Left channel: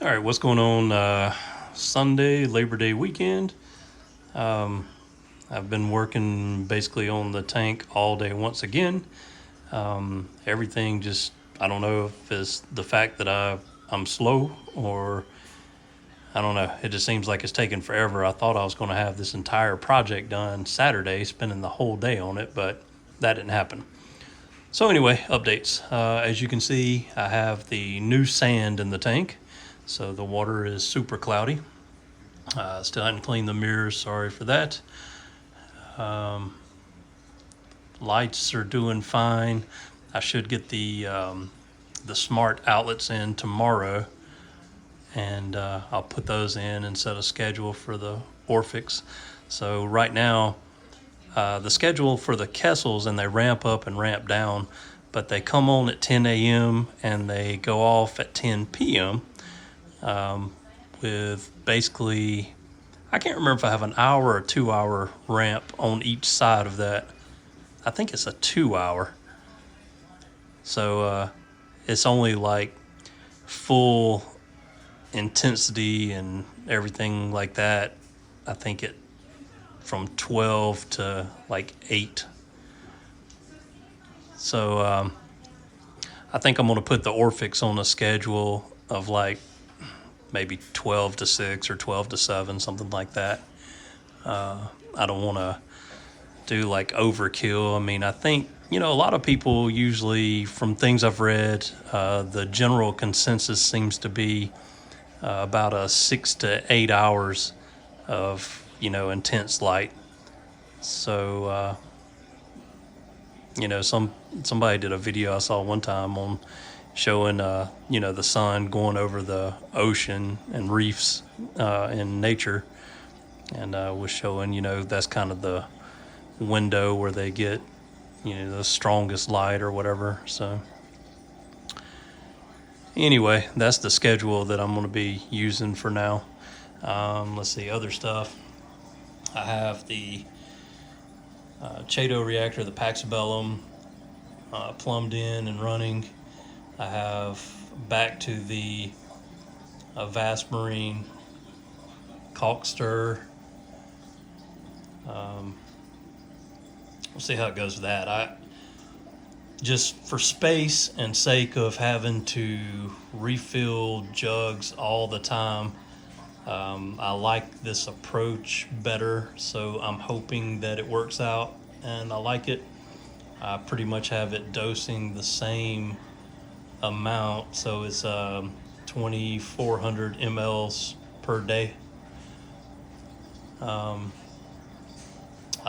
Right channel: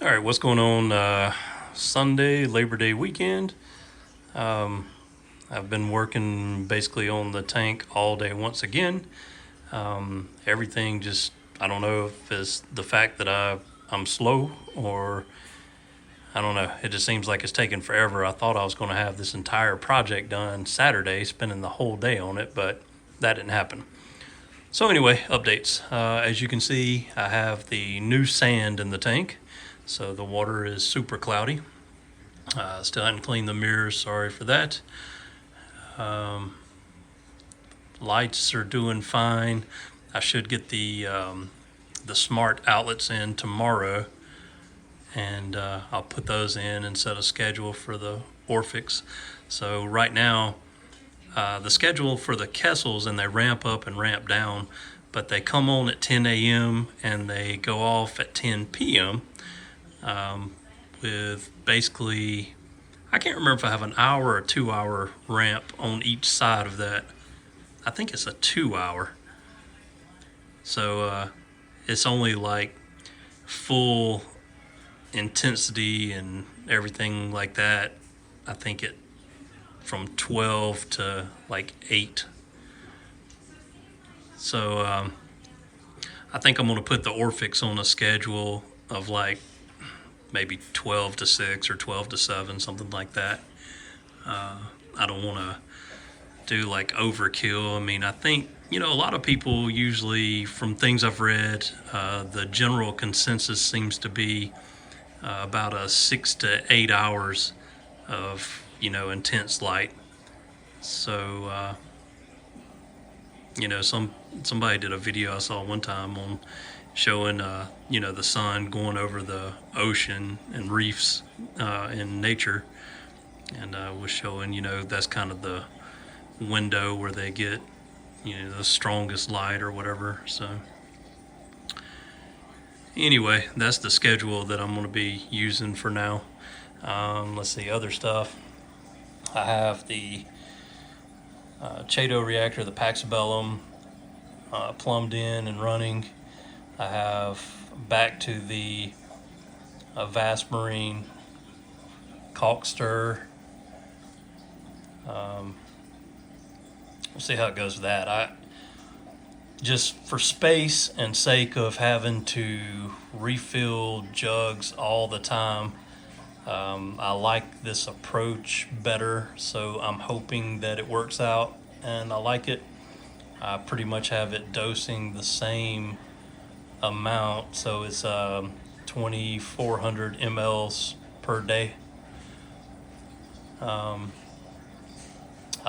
All right, what's going on Sunday, Labor Day weekend? I've been working basically on the tank all day once again. Everything just, I don't know if it's the fact that I'm slow or I don't know. It just seems like it's taking forever. I thought I was going to have this entire project done Saturday, spending the whole day on it, but that didn't happen. So anyway, updates. As you can see, I have the new sand in the tank. So the water is super cloudy. Still haven't cleaned the mirrors, sorry for that. Lights are doing fine. I should get the smart outlets in tomorrow, and I'll put those in and set a schedule for the Orphix. So right now, the schedule for the Kessels, and they ramp up and ramp down, but they come on at 10 a.m. and they go off at 10 p.m. With basically, I can't remember if I have an hour or 2 hour ramp on each side of that. I think it's a 2 hour. So it's only like full intensity and everything like that. I think it from 12 to like 8. So I think I'm going to put the Orphix on a schedule of like maybe 12 to 6 or 12 to 7, something like that. I don't want to do like overkill. I mean, I think, a lot of people usually, from things I've read, the general consensus seems to be about a 6 to 8 hours of, intense light. So, somebody did a video I saw one time on showing, the sun going over the ocean and reefs in nature, and was showing, that's kind of the window where they get, the strongest light or whatever. So anyway, that's the schedule that I'm going to be using for now. Let's see, other stuff. I have the Chaeto reactor, the PaxBellum, plumbed in and running. I have back to the Avast Marine Kalk stir. We'll see how it goes with that. I just, for space and sake of having to refill jugs all the time, I like this approach better, so I'm hoping that it works out and I like it. I pretty much have it dosing the same amount, so it's 2,400 mLs per day. I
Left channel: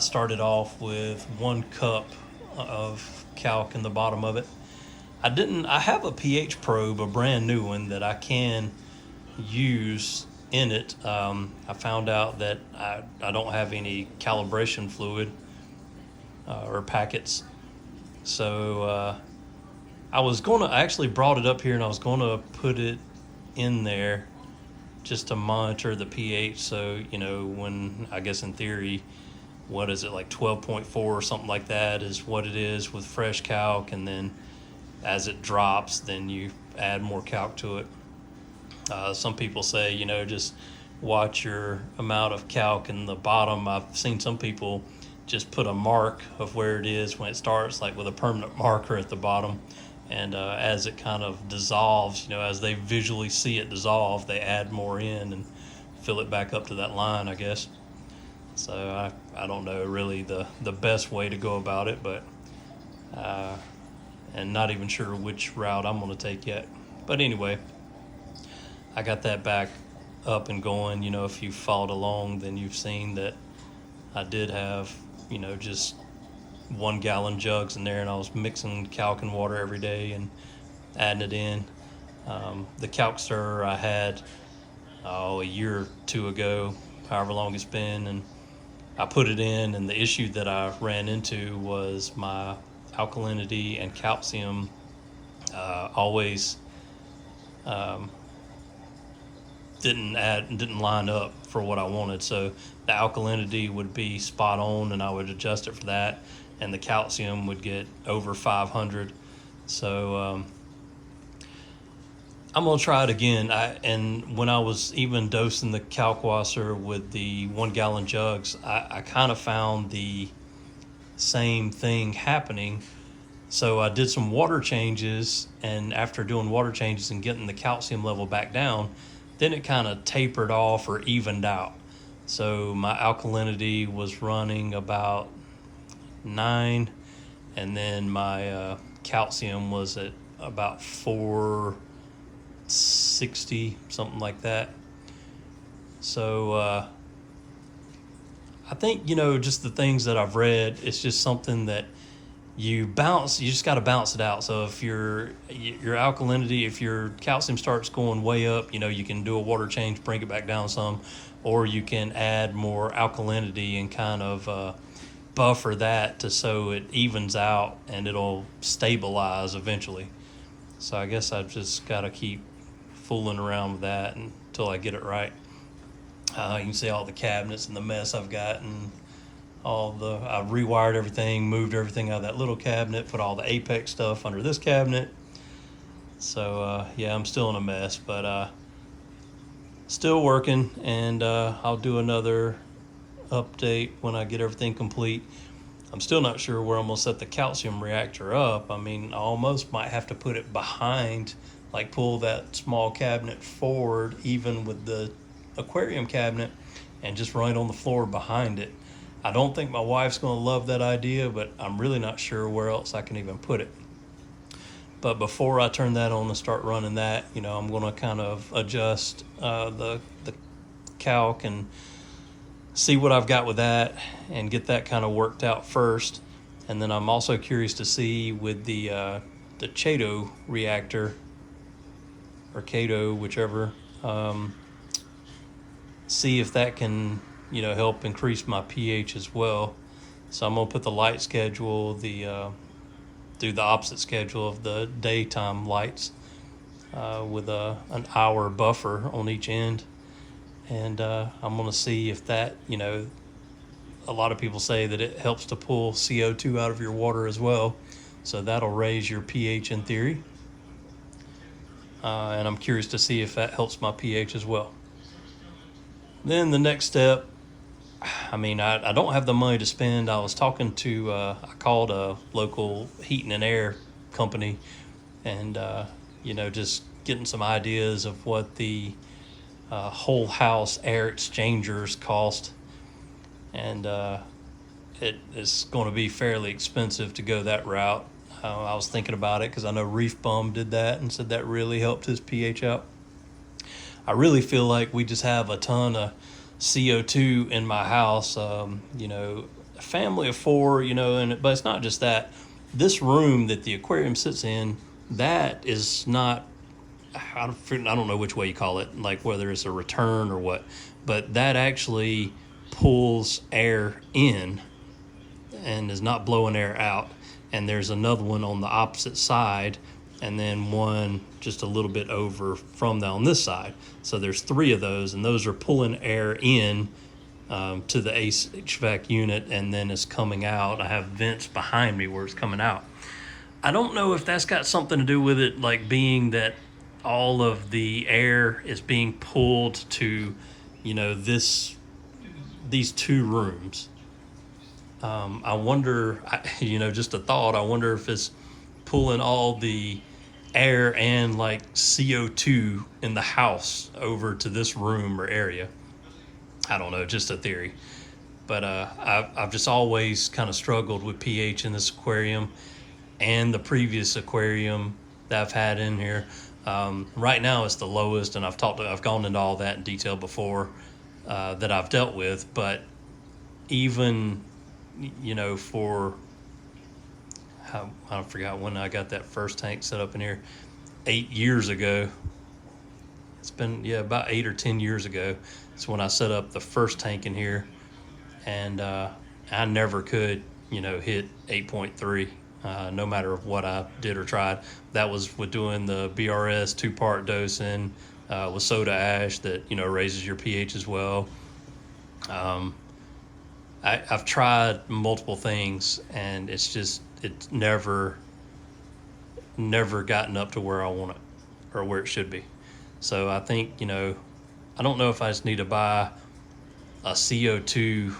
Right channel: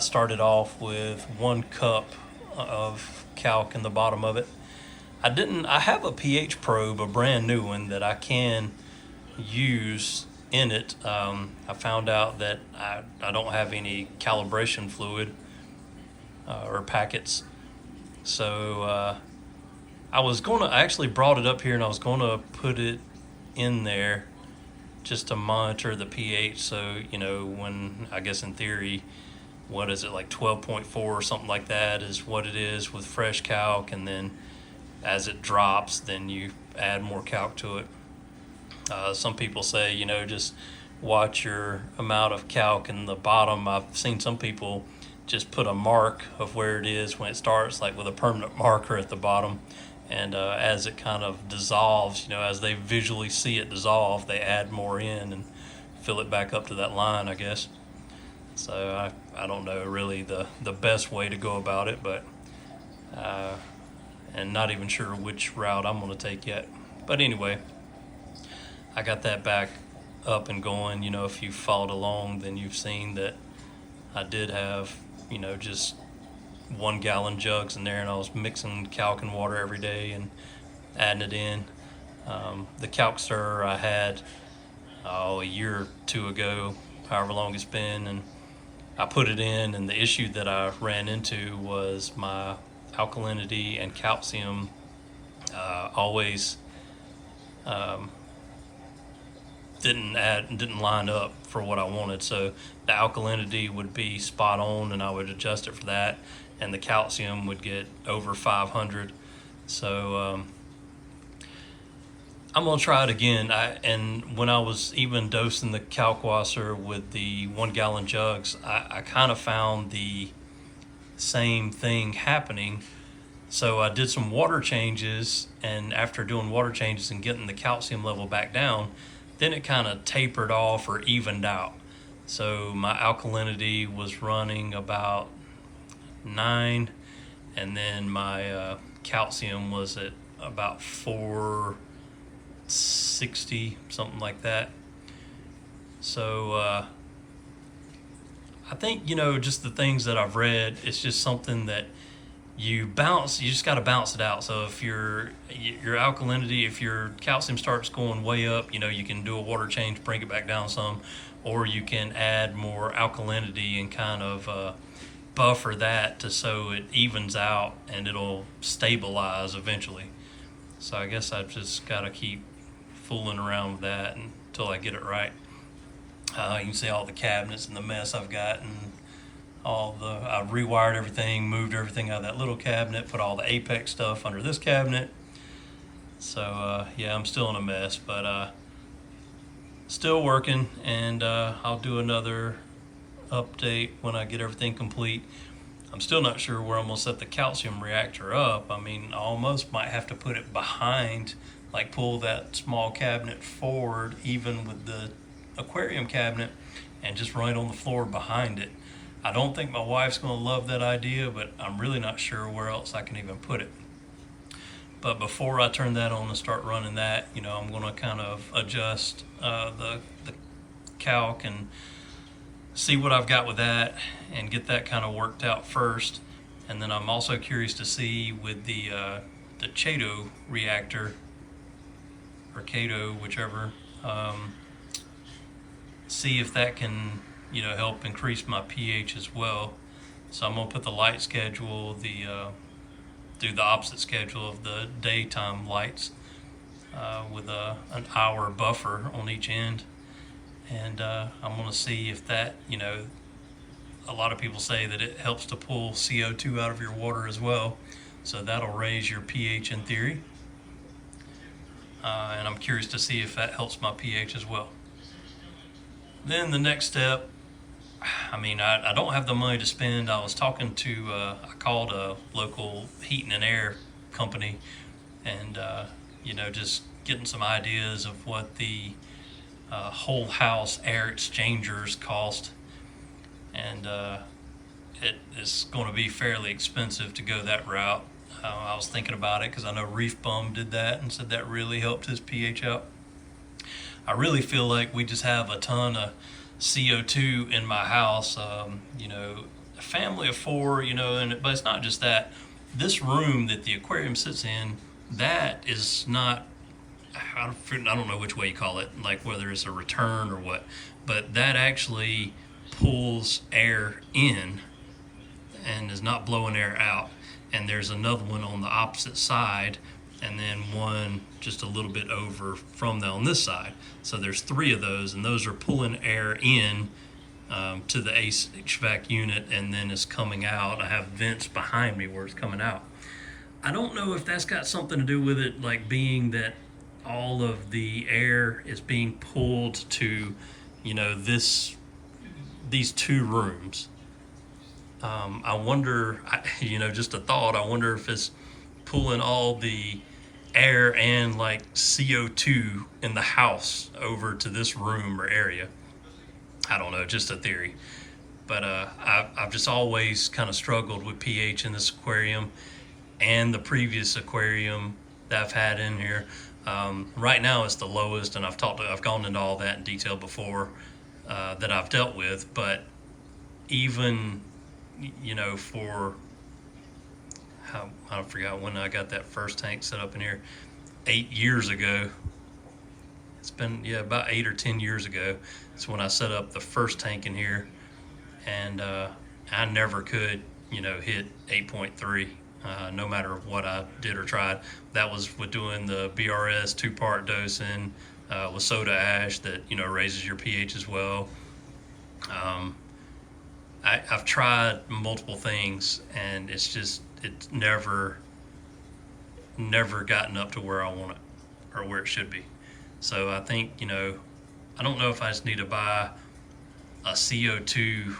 started off with 1 cup of calc in the bottom of it. I have a pH probe, a brand new one that I can use in it. I found out that I don't have any calibration fluid or packets. So I actually brought it up here and I was going to put it in there just to monitor the pH. So, when, I guess in theory, what is it, like 12.4 or something like that is what it is with fresh calc, and then as it drops, then you add more calc to it. Some people say, just watch your amount of calc in the bottom. I've seen some people just put a mark of where it is when it starts, like with a permanent marker at the bottom, and as it kind of dissolves, as they visually see it dissolve, they add more in and fill it back up to that line, I guess. So I don't know really the best way to go about it, but and not even sure which route I'm going to take yet. But anyway, I got that back up and going. If you followed along, then you've seen that I did have, just 1 gallon jugs in there, and I was mixing calc and water every day and adding it in. The calc stir I had a year or 2 ago, however long it's been, and I put it in, and the issue that I ran into was my alkalinity and calcium always didn't line up for what I wanted. So the alkalinity would be spot on and I would adjust it for that, and the calcium would get over 500. So I'm gonna try it again. And when I was even dosing the Kalkwasser with the 1 gallon jugs, I kind of found the same thing happening. So I did some water changes, and after doing water changes and getting the calcium level back down, then it kind of tapered off or evened out. So my alkalinity was running about 9, and then my calcium was at about 460, something like that. So I think, just the things that I've read, it's just something that you just got to bounce it out. So if your alkalinity, if your calcium starts going way up, you can do a water change, bring it back down some, or you can add more alkalinity and kind of buffer that so it evens out and it'll stabilize eventually. So I guess I've just got to keep fooling around with that until I get it right. You can see all the cabinets and the mess I've got, and I rewired everything, moved everything out of that little cabinet, put all the Apex stuff under this cabinet. So yeah, I'm still in a mess, but still working, and I'll do another update when I get everything complete. I'm still not sure where I'm gonna set the calcium reactor up. I mean, I almost might have to put it behind, like pull that small cabinet forward, even with the aquarium cabinet, and just run it on the floor behind it. I don't think my wife's going to love that idea, but I'm really not sure where else I can even put it. But before I turn that on and start running that, I'm going to kind of adjust the Kalk and see what I've got with that and get that kind of worked out first. And then I'm also curious to see with the Chaeto reactor, or Chaeto, whichever, see if that can help increase my pH as well. So I'm gonna put the light schedule, do the opposite schedule of the daytime lights with an hour buffer on each end, and I'm gonna see if that, a lot of people say that it helps to pull CO2 out of your water as well, so that'll raise your pH in theory, and I'm curious to see if that helps my pH as well. Then the next step, I don't have the money to spend. I was talking to, I called a local heating and air company, and, just getting some ideas of what the whole house air exchangers cost. And it is going to be fairly expensive to go that route. I was thinking about it because I know Reef Bum did that and said that really helped his pH out. I really feel like we just have a ton of CO2 in my house, a family of 4, but it's not just that. This room that the aquarium sits in, that is not, I don't know which way you call it, like whether it's a return or what, but that actually pulls air in and is not blowing air out. And there's another one on the opposite side, and then one just a little bit over from that on this side. So there's 3 of those, and those are pulling air in to the HVAC unit, and then it's coming out. I have vents behind me where it's coming out. I don't know if that's got something to do with it, like being that all of the air is being pulled to, these 2 rooms. I wonder, just a thought, I wonder if it's pulling all the air and like CO2 in the house over to this room or area. I don't know, just a theory. But I've just always kind of struggled with pH in this aquarium and the previous aquarium that I've had in here. Right now it's the lowest, and I've gone into all that in detail before that I've dealt with. But even, for, I forgot when I got that first tank set up in here, 8 years ago. It's been, about 8 or 10 years ago. It's when I set up the first tank in here, and I never could, hit 8.3, no matter what I did or tried. That was with doing the BRS 2-part dosing with soda ash that, raises your pH as well. I've tried multiple things, and it's never gotten up to where I want it, or where it should be. So I think, you know, I don't know if I just need to buy a CO2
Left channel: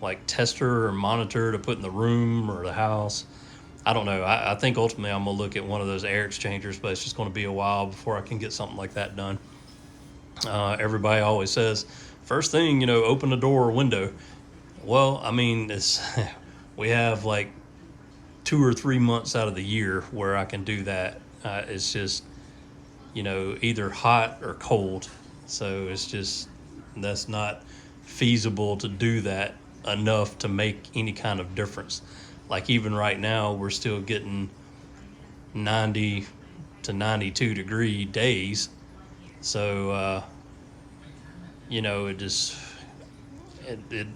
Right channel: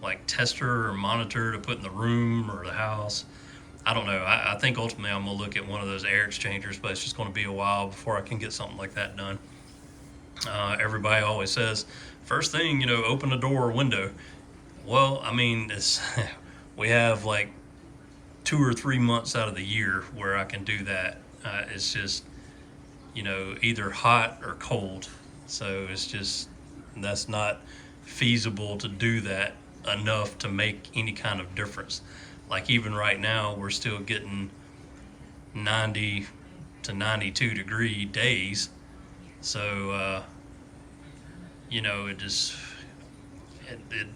like tester or monitor to put in the room or the house. I don't know. I think ultimately I'm gonna look at one of those air exchangers, but it's just gonna be a while before I can get something like that done. Everybody always says, first thing, you know, open the door or window. Well, I mean, it's we have like 2 or 3 months out of the year where I can do that. It's just, you know, either hot or cold. So it's just, that's not feasible to do that enough to make any kind of difference. Like even right now, we're still getting 90 to 92 degree days. So, you know,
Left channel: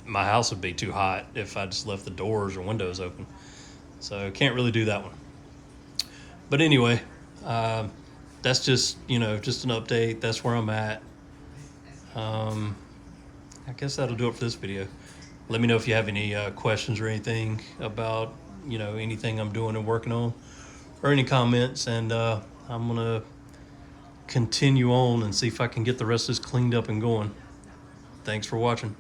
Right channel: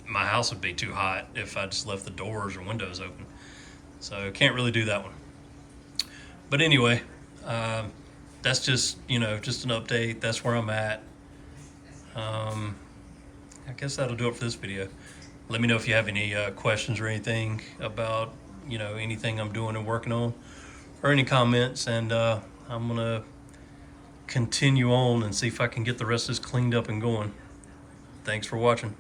my house would be too hot if I just left the doors or windows open. So can't really do that one. But anyway, that's just, you know, just an update. That's where I'm at. I guess that'll do it for this video. Let me know if you have any questions or anything about, you know, anything I'm doing and working on, or any comments, and I'm gonna continue on and see if I can get the rest of this cleaned up and going. Thanks for watching.